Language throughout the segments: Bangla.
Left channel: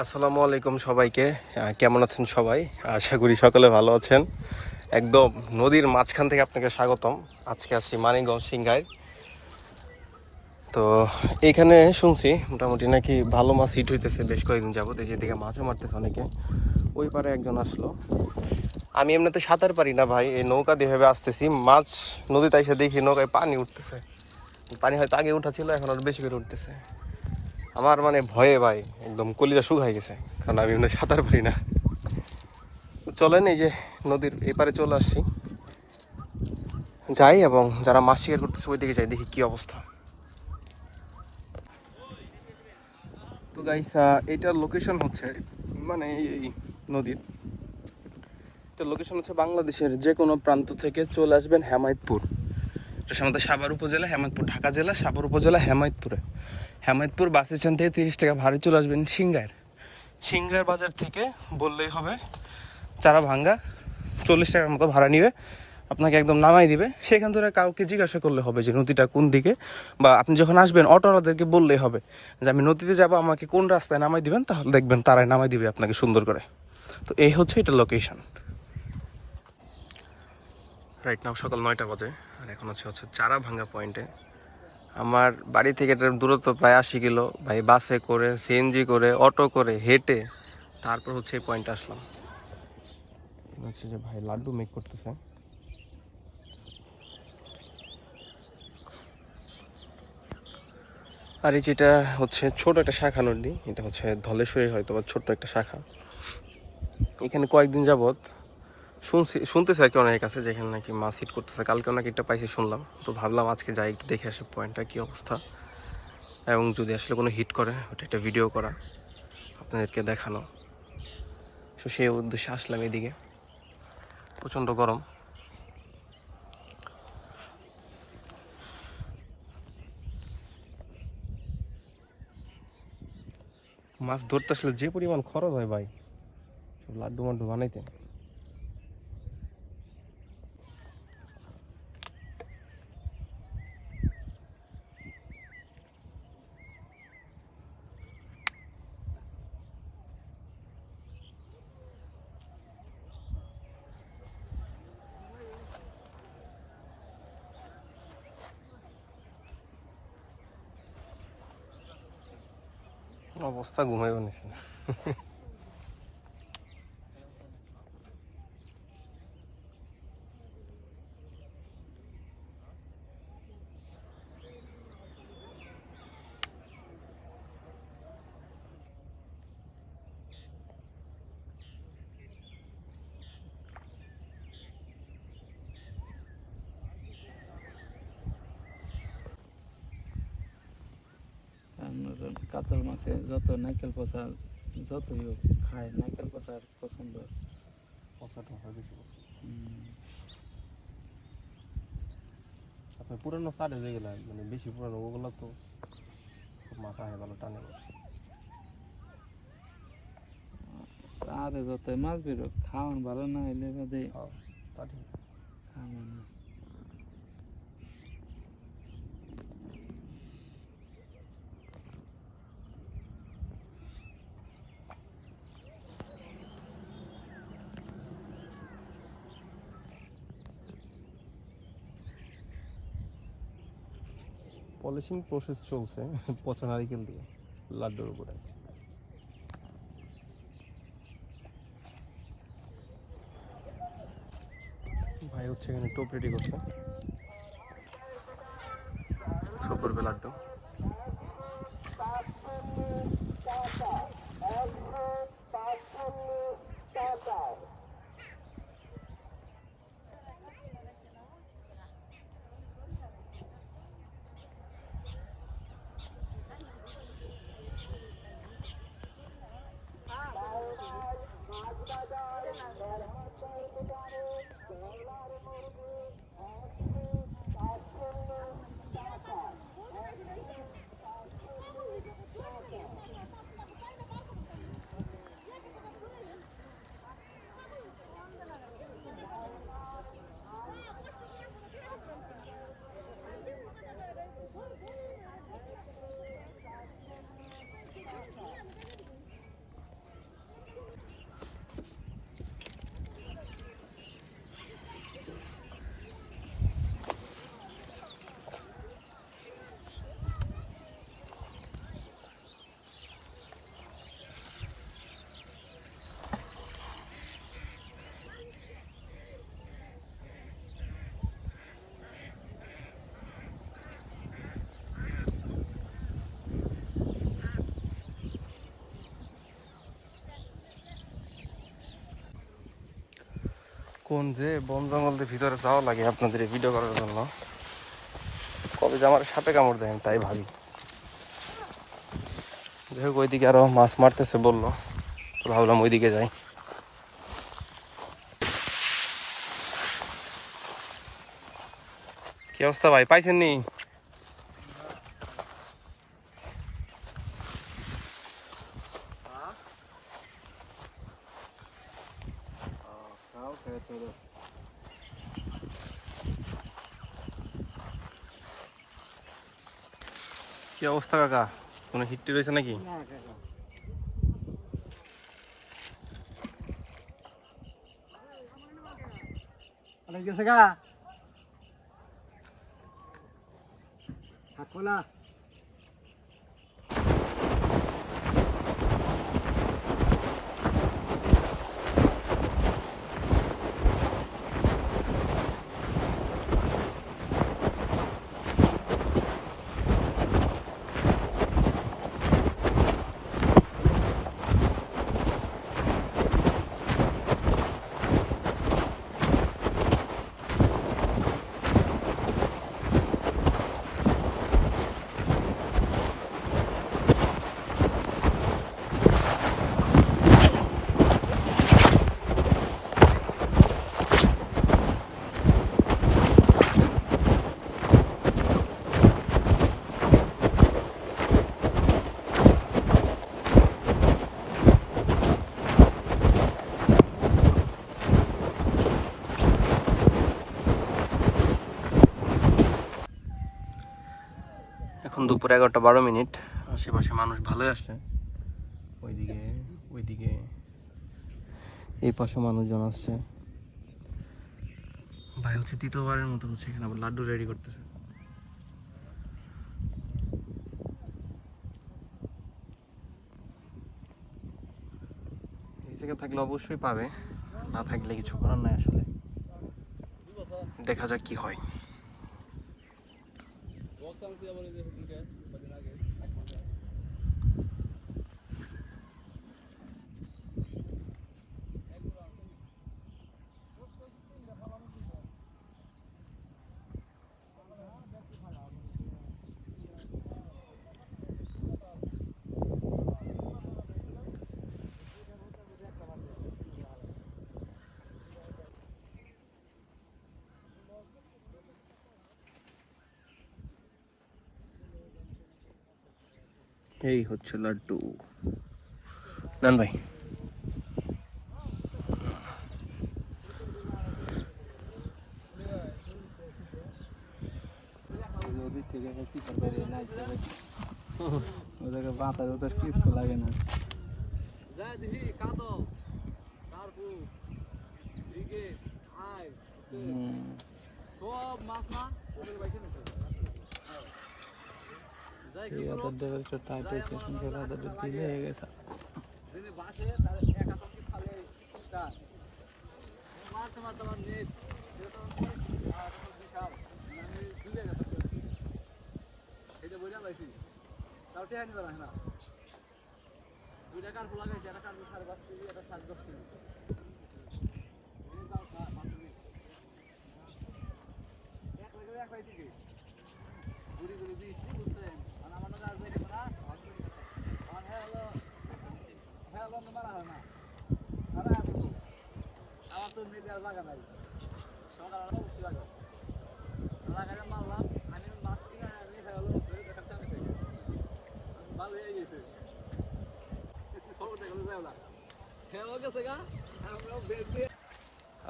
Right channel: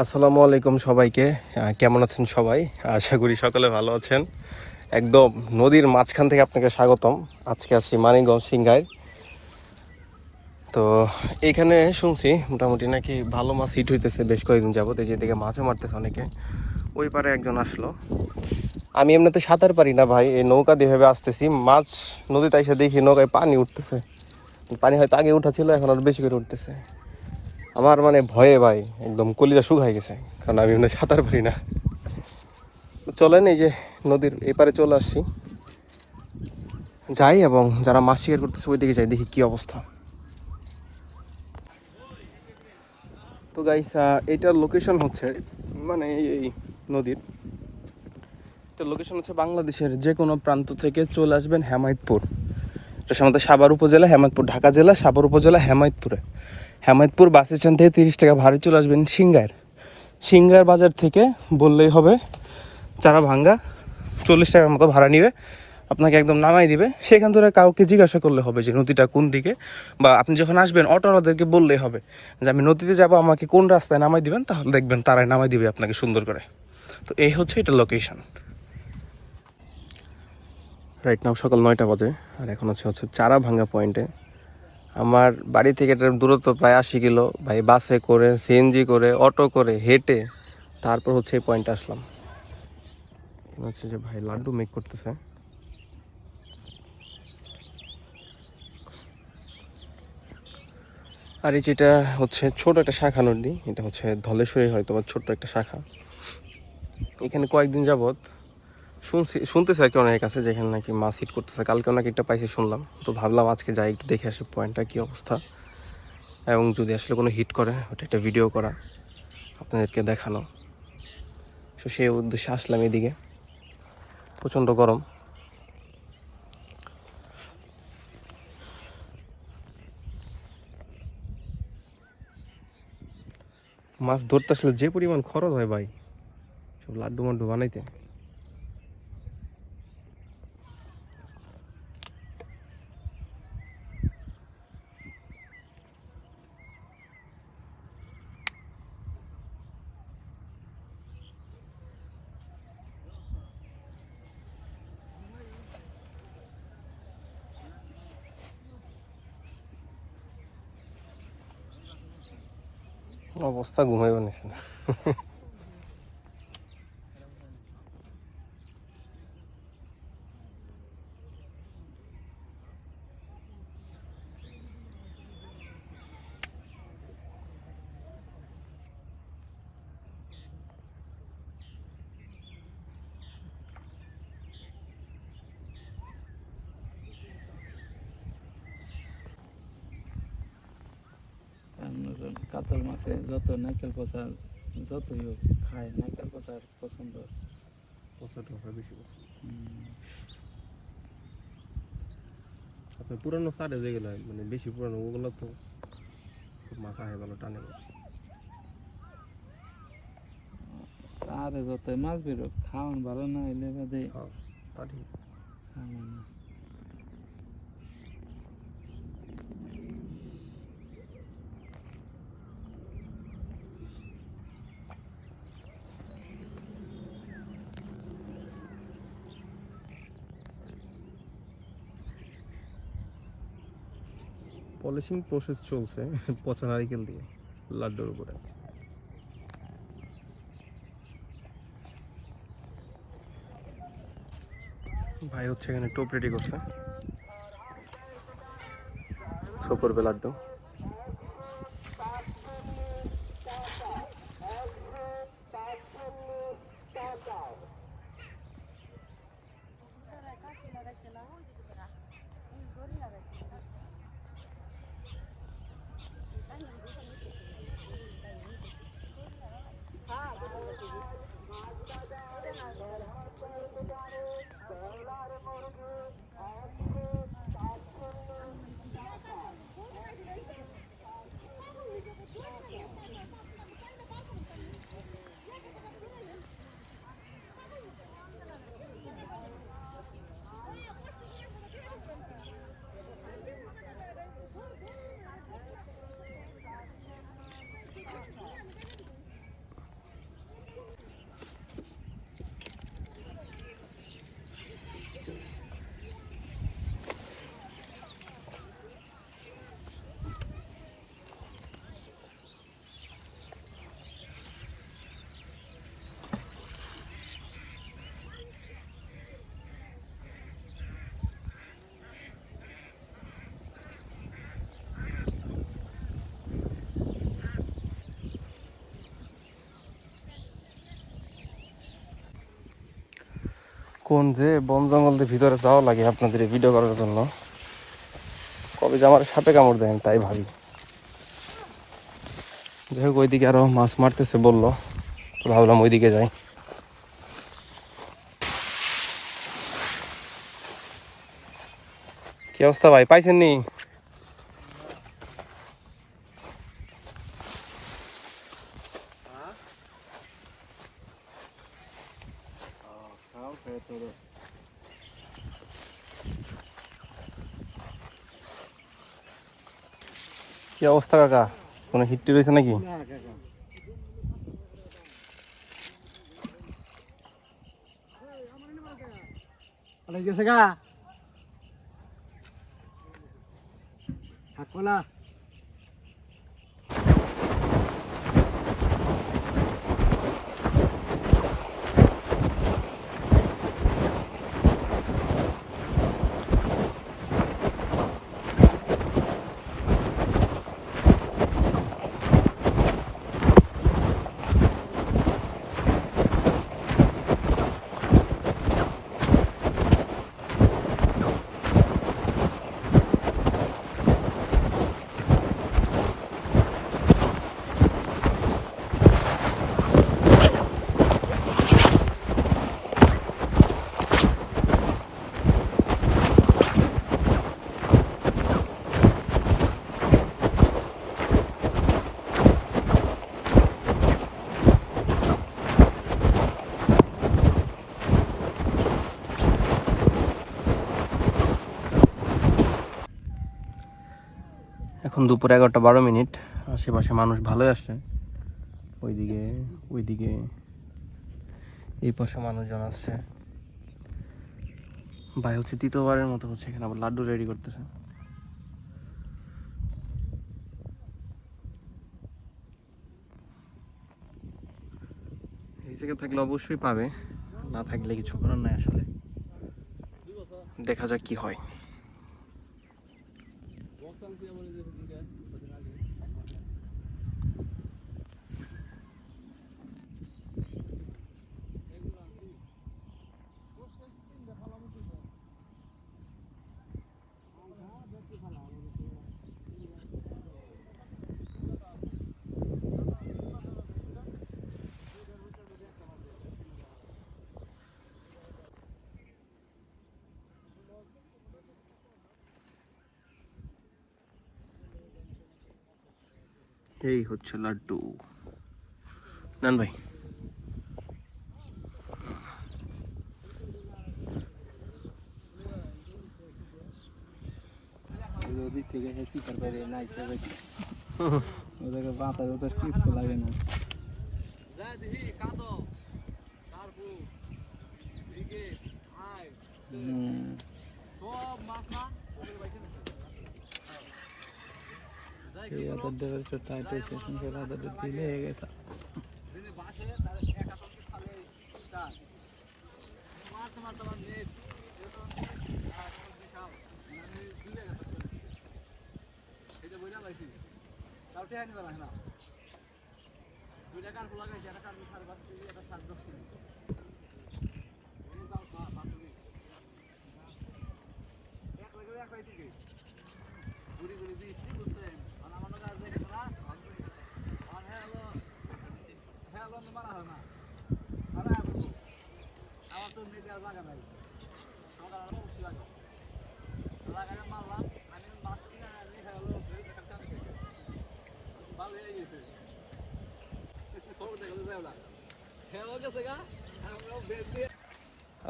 আসসালামু আলাইকুম সবাইকে। কেমন আছেন সবাই? আশা করি সকলে ভালো আছেন। একদম নদীর মাঝখান থেকে আপনাকে স্বাগতম। আজকে আসছি মানিকগঞ্জ সিংগাইর। তো এইখানে শুনছি মোটামুটি নাকি ভালো মাছ হিট হইতেছে বেশ কয়েকদিন যাবত। এই যেদিকে মাছও মারতেছে অনেকে। ওই পারে একজন আসলো। আমি এমনিতে সাঁতার পারি না ভাই, এই নৌকা দিয়ে ভেবে আসতেছি, মাছ নদীতে এসে দেখি নৌকায় পানি উঠতেছে। পানি হয়তো আগে উঠা ছিল, এখন আরো বেশি করে উঠতেছে। আমার মানে ভয়ে ভাই একদম কলিজা শুকায় গেছে, কারণ আমি এমনি সাঁতার পারি না। চলেন এই যে নদীর এপারে চলে আসছি, যাই এবং যারা মাছ শিকার করতেছে ওই দিকে যাই, দেখি কি অবস্থা। তো গাইস, এটার লোকেশন হচ্ছে মানে এই নদীর এটার লোকেশন হচ্ছে বাংলাদেশের যে কোনো প্রান্ত থেকে চলে আসবেন হেমায়েতপুর। এটা সাধারণত সাভার উপজেলা হেমায়েতপুর, ঢাকা জেলা সাভার উপজেলা হেমায়েতপুরে। হেমায়েতপুর বাস স্ট্যান্ড থেকে 30 টাকা ভাড়া চলে আসবেন সিংগার বাজার থেকে বললেই হবে চারা ভাঙ্গা, 40 টাকার মতো ভাড়া নিবে, আপনাকে একদম নামাই দিবে। সেখান থেকে কাউকে জিজ্ঞাসা করলে হবে যে নদীটা কোন দিকে, বা আপনি যখন আসবেন অটোওয়ালাদেরকে বললেই হবে যে আমি নদীতে যাব, আমাকে কোন রাস্তায় নামাই দিবেন, তাহলে দেখবেন তারাই নামাই দিবে আপনাকে সুন্দর করে। তো এই হচ্ছে এটা লোকেশন। রাইট নাও সকাল 9টা বাজে, আর এখন হচ্ছে চারা ভাঙ্গা পয়েন্টে। আমার বাড়ি থেকে এটার দূরত্ব প্রায় 80 কিলো ভাই, বাসে করে, সিএনজি করে, অটো করে, হেঁটে, তারপর হচ্ছে এই পয়েন্টে আসলাম। হচ্ছে যে ভাই লাড্ডু মেক করতেছে। আর এই যেটা হচ্ছে ছোট একটা শাখা নদী, এটা হচ্ছে ধলেশ্বরী হয়তো বা ছোট্ট একটা শাখা। এখানে কয়েকদিন যাবত শুনতেছে আর কি অনেকের কাছে, যেখানে নাকি মাছ হিট করতেছে। কালকে নাকি একটা পাইছে শুনলাম, তো ভাবলাম আজকে যাই একটু দেখে আসি পয়েন্টটা কি অবস্থা, এবং যদি আসলে কোনো হিট করে ওটা একটা ভিডিও করা, আপনাদেরকে দেখানো। তো সেই উদ্দেশ্যে আসলাম এদিকে। প্রচণ্ড গরম। মাছ ধরতে আসলে যে পরিমাণ খরচ হয় ভাই, সব লাড্ডু মাড্ডু বানাইতে। অবস্থা ঘুমাইব নিছে না। কাতল মাছে যত নারকেল পচা যতই হোক খায়, নারকেল পচার পছন্দ। আপনার পুরানো সারে যেগুলো মানে বেশি পুরানো, ওগুলো তো খুব মাছ আহে ভালো, টানে। আরে যতই মাছ বেরোক, খাওয়ান ভালো না হইলে বাদে হ্যাঁ, তা ঠিক। খাওয়ান না। পলিশিং প্রসেস চলছে পচা নারিকেল দিয়ে লাড্ডুর উপরে। ভাই হচ্ছে এখানে টোপ রেডি করছে, শো করবে লাড্ডু। কোন যে বন জঙ্গলের ভিতরে যাওয়া লাগে আপনাদের এই ভিডিও করার জন্য, কবে যে আমার সাপে কামড় দেয় তাই ভাবি। যাই হোক ওইদিকে আরো মাছ মারতেছে বললো, তো ভাবলাম ওইদিকে যাই। কি অবস্থা ভাই, পাইছেন নি? কি অবস্থা কাকা, কোনো হিটটি রয়েছে নাকি? গেছে গা থাকো না। এখন দুপুর 11:12। আশেপাশে মানুষ ভালোই আসছে, ওইদিকে ওইদিকে এই পাশে মানুষজন আসছে। ভাই হচ্ছে তৃতীয়বারের মতো হচ্ছে এখানে আবার লাড্ডু রেডি করতেছে। এই জায়গায় থাকলে অবশ্যই পাবে, না থাকলে কিছু করার নাই আসলে, দেখা যাক কি হয়। এই হচ্ছে লাড্ডু, নেন ভাই। ওদিক থেকে শিকার করে না ওদেরকে বাঁচার ওদের কিছু লাগে না। ওদের দেবে একটু টাইট হয়েছে, শুনতে ওদের দিলে হয়ে গেছে।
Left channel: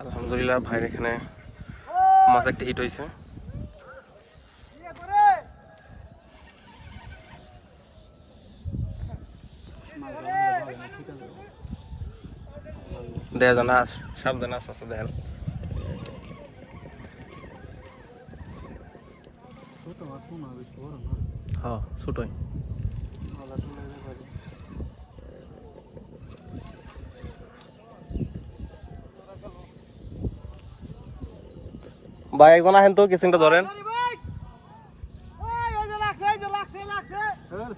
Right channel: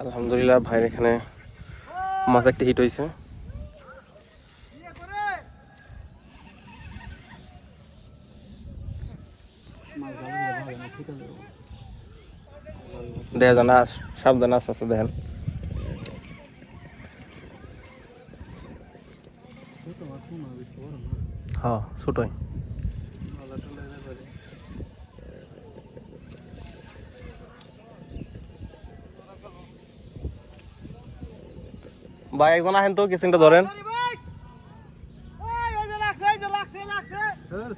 আলহামদুলিল্লাহ ভাইয়ের এখানে মাছ একটা হিট হয়েছে। দেখা যায় না, সাবধানে আস্তে আস্তে দেখেন। হ্যাঁ ছোটই। ভাই একজন আহেন তো, কিচিংটা ধরেন।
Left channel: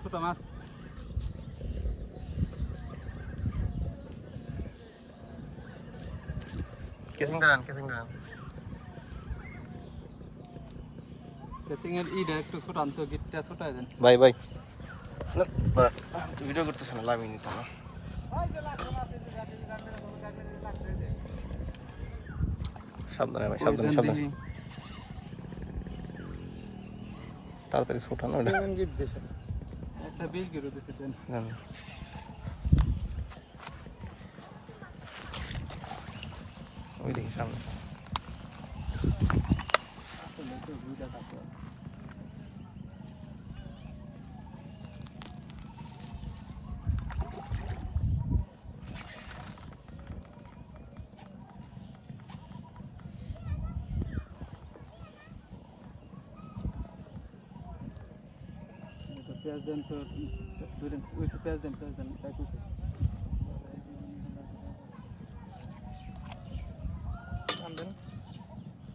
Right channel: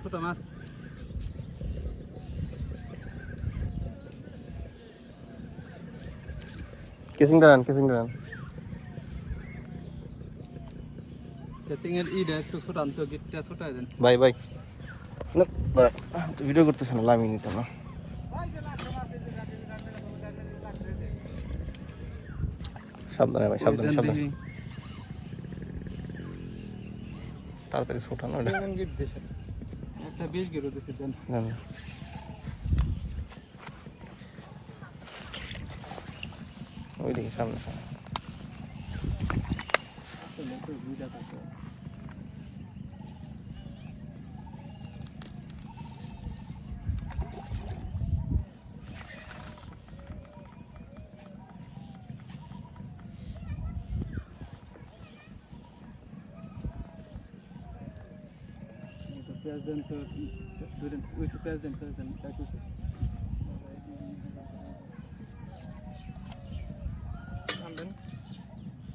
ছোট মাছ কেসিংটা নেন কেসিং এর ইটা একটু ছোট আনতো গিটটা ছোট দেন ভাই ভিডিও করতেছ না লাভ নিত না সাবধানে ভাই সাবধানে তাড়াতাড়ি ছোটা না ওটা গিট দেন একটা 20 গিট দিতে দেন ওই দিকে সামনে পেঁয়াজ দেন তো দুই দিন ওই পেঁয়াজ দেন তাই তো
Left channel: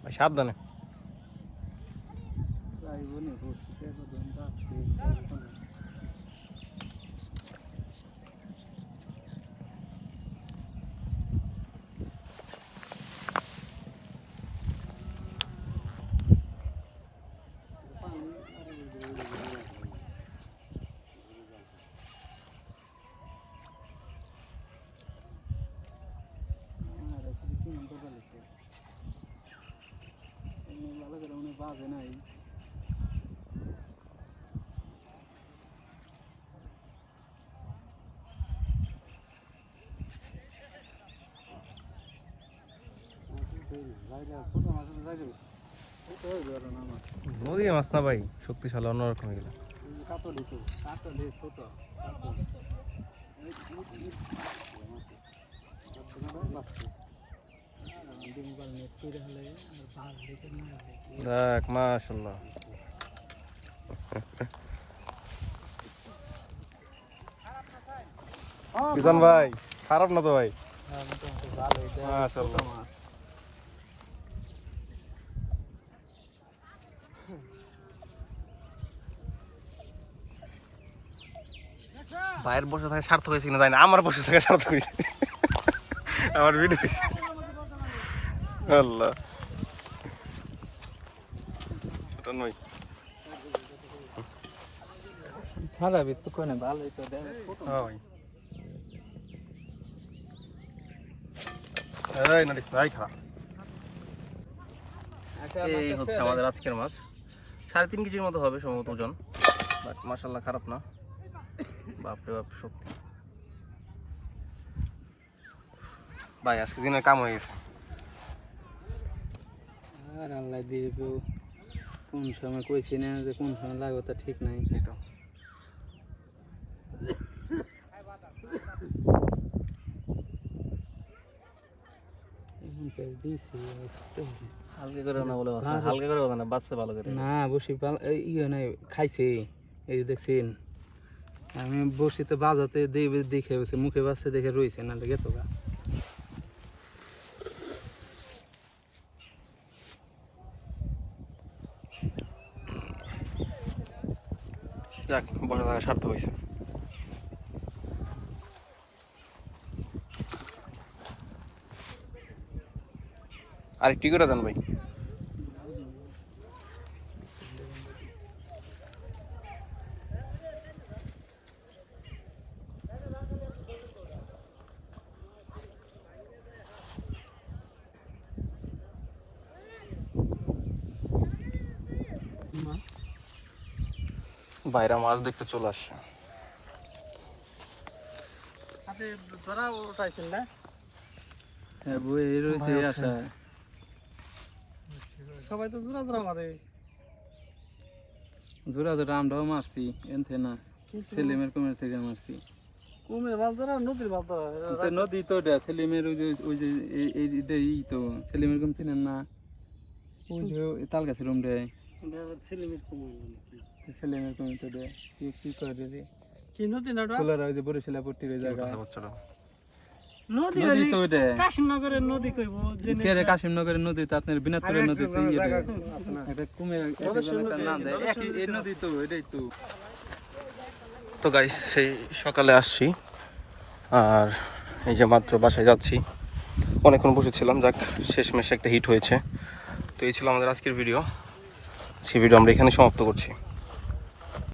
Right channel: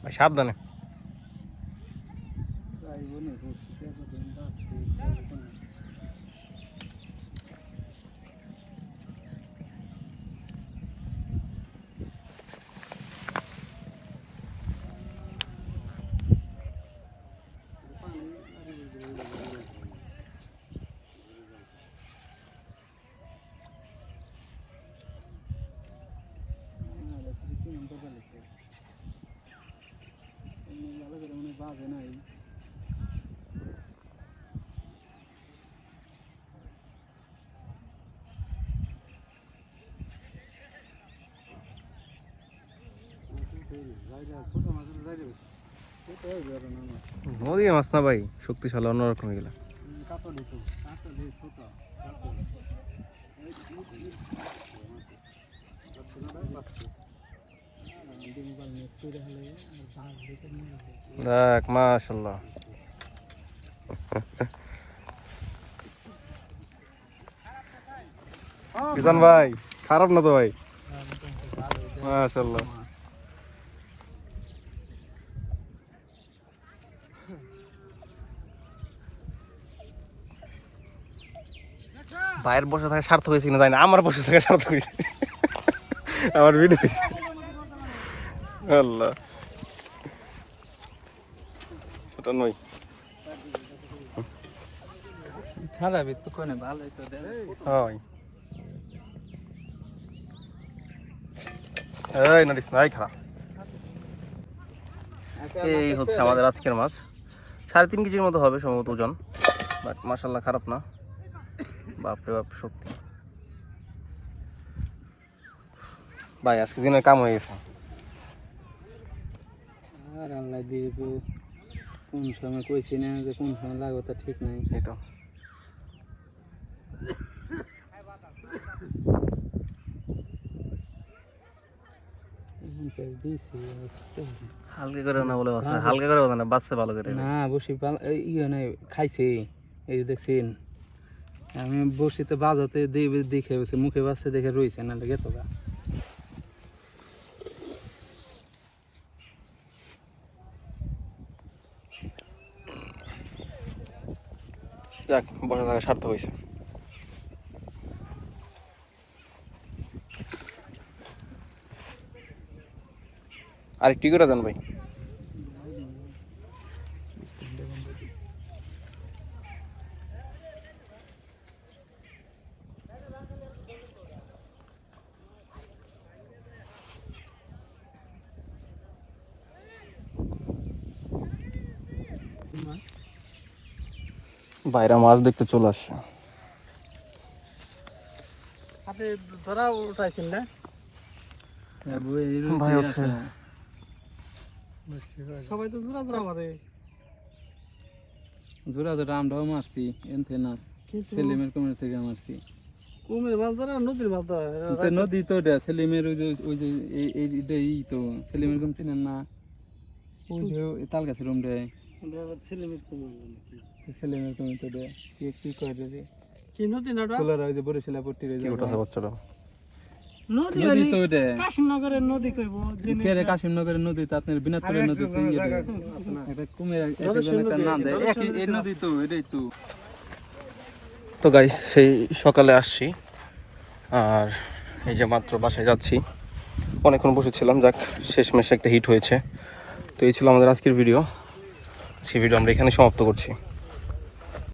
ভাই সাবধানে প্রায় বনে বসে পেঁয়াজ দেন দাঁড়তে ভালো করে উনি বাজে নাই নদী মাছ না ভাই শক্তিশালী অন্যরকম এগুলো দেখ মাশাআল্লাহ বিধান ভাই খারাপ না তো ভাই মাশাআল্লাহ ভাইয়ের বসে থাকা সার্থক হয়েছে কিনা জানি না আমার বসে থাকা সার্থক হয়েছে আমার ভিডিও আল্লাহ সেটা নয় খারাপ একটু কোনে ভালো তো দেবে হয় এই নড়িস নাই খারাপ এই হচ্ছে আমাদের আজকের মাছ 3.5 কেজির মতো হবে সম্ভবত ওজন বাট মাশাআল্লাহ খারাপ না বাপরে বাপ শক্তি ভাই আজকে দিনের কাম হয়ে গেছে আর আল্লাহ দিয়ে কোন সময় কইছি না যে কোন সময় লাগবে তা ঠিক নাই এই তো এখন পেঁয়াজ দিয়েছি হালকা করে না বলে হালকা করে না বাচ্চা ভালো করে না বসি ইয়ে নাই খাইছে এই যে দেখছেন আমি বসিতে বাজাতে দেখে গেছে মুখে বাচ্চা দেখে রয়েছে না গেতো গা যাক বসে থাকা সার্থক হয়েছে আর কি করে দেন ভাই বাইরে মাছ দেখতে চলে আসছে হাতে ধরাও পাইছেন না ভাই হচ্ছে সবাই তো জোড়া জোড়া মারে জোড়া জোড়া আমরাও মারছি এনথে না সেলিমের কমের থেকে মারছি কুমির মাছ ধরা নদীর মাছ ধরা তো নদী তো এটা সেলিমের ওই যে এই তো সেলিমের কম চিনেন না ওই যে তাল গাছের রুম রে ছেলেমেয়ের কুমির নাকি সেলিমের কম তো দে কি করে রে কি নদী না ওটা কোলার ওই যে বরিশালা পট্টি রে কি উঠাছে বাচ্চাটা নদী নদী তো এটা কাশিমনগরের নদী কইবো কে রে কাশিমনগরের নদী তো আপনার বিনাতরের নদী তো এটা কুমির নাম দেয় এই নদী তো এটাই তো তো গাইস সেই সকালে আসছি আর এই যে মাত্র বাসায় যাচ্ছি অনেকক্ষণ বসেছিলাম, যাক শেষমেশ একটা হিট হয়েছে। তো এই ছিল আমাদের আজকের ভিডিও। সেই ভিডিও আমরা এখানে সমাপ্ত করছি।